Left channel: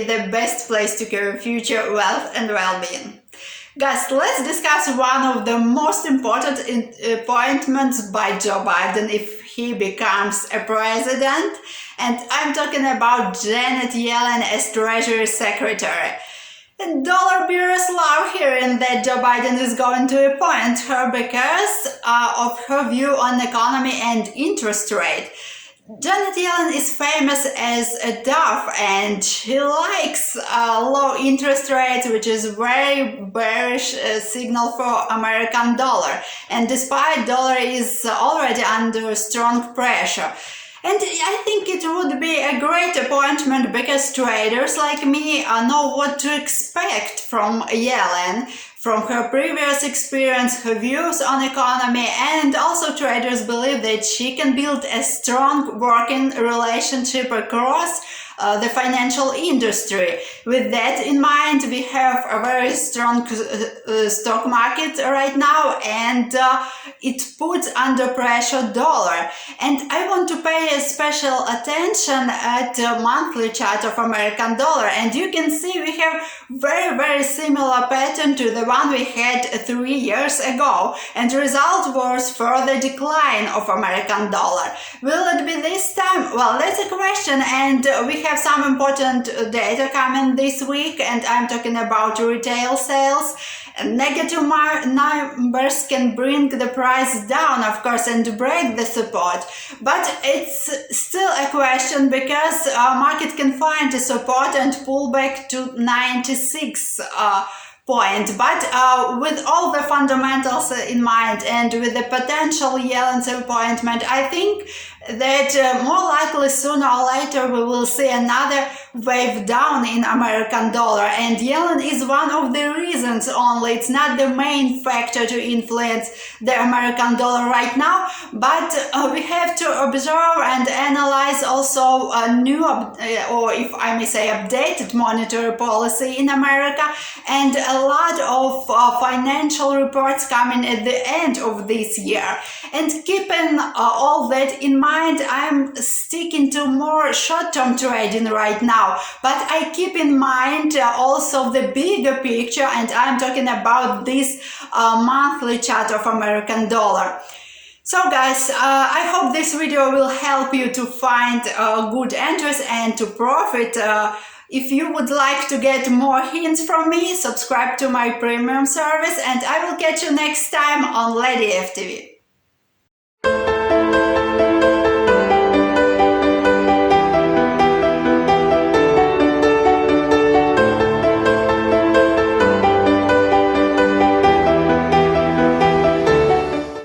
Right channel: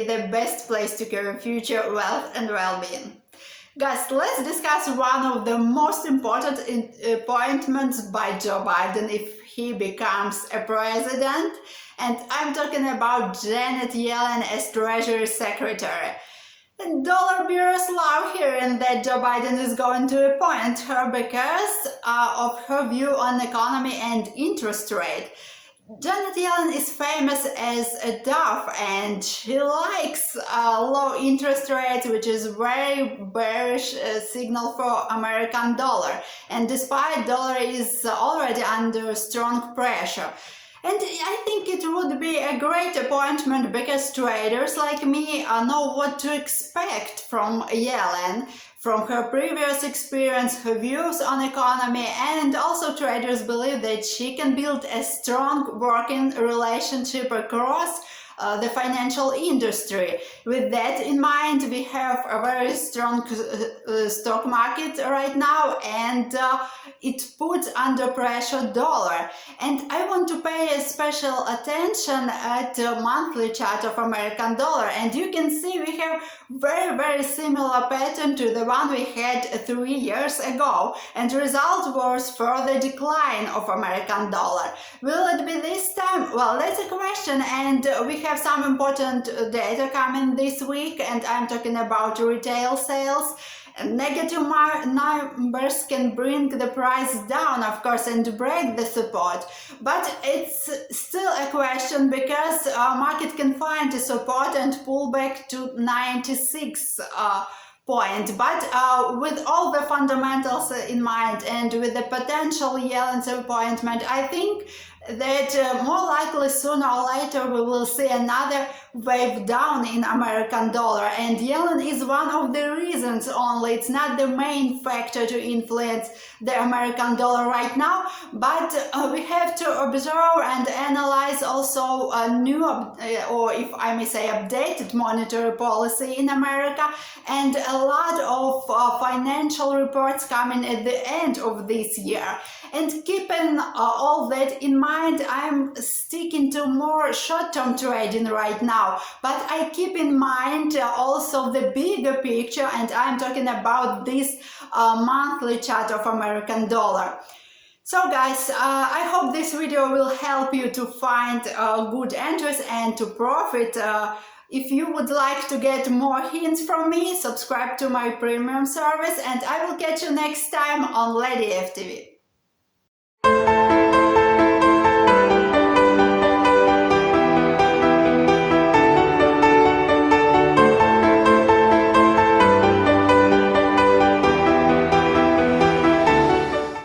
is the best place to carry future wealth and well-being. Guys, let's discuss one of the most important appointments by Joe Biden if he becomes a president. And I'm talking about Janet Yellen as Treasury Secretary. And dollar bureaus love hearing that Joe Biden is going to appoint her because of her view on the economy and interest rate. Janet Yellen is famous as a dove and she likes low interest rates, which is very bearish signal for American dollar. And despite dollar is already under strong pressure. And I think it would be a great appointment because traders like me know what to expect from Yellen, from her previous experience, her views on economy, and also traders believe that she can build a strong working relationship across the financial industry. With that in mind, we have a very strong stock market right now, and it puts under pressure dollar. And I want to pay a special attention at the monthly chart of American dollar, and you can see we have very similar pattern to the one we had 3 years ago, and the result was further decline of American dollar. Will it be this time? Well, that's a question, and we have some important data coming this week, and I'm talking about retail sales. Negative numbers can bring the price down, of course, and break the support, but it's still a question because market can find a support and pull back to 96 point. But with all the fundamentals in mind and with the potential Yellen's appointment, I think that more likely sooner or later we will see another wave down in American dollar, and Yellen is one of the reasons only. It's not the main factor to influence the American dollar right now, but we have to observe and analyze also a new or if I may say updated monetary policy in America, and a lot of financial reports coming at the end of this year. And keeping all that in mind, I'm sticking to more short-term trading right now, but I keep in mind also the bigger picture, and I'm talking about this monthly chart of American dollar. So guys, I hope this video will help you to find good entries and to profit. If you would like to get more hints from me, subscribe to my premium service, and I will catch you next time on Lady FTV.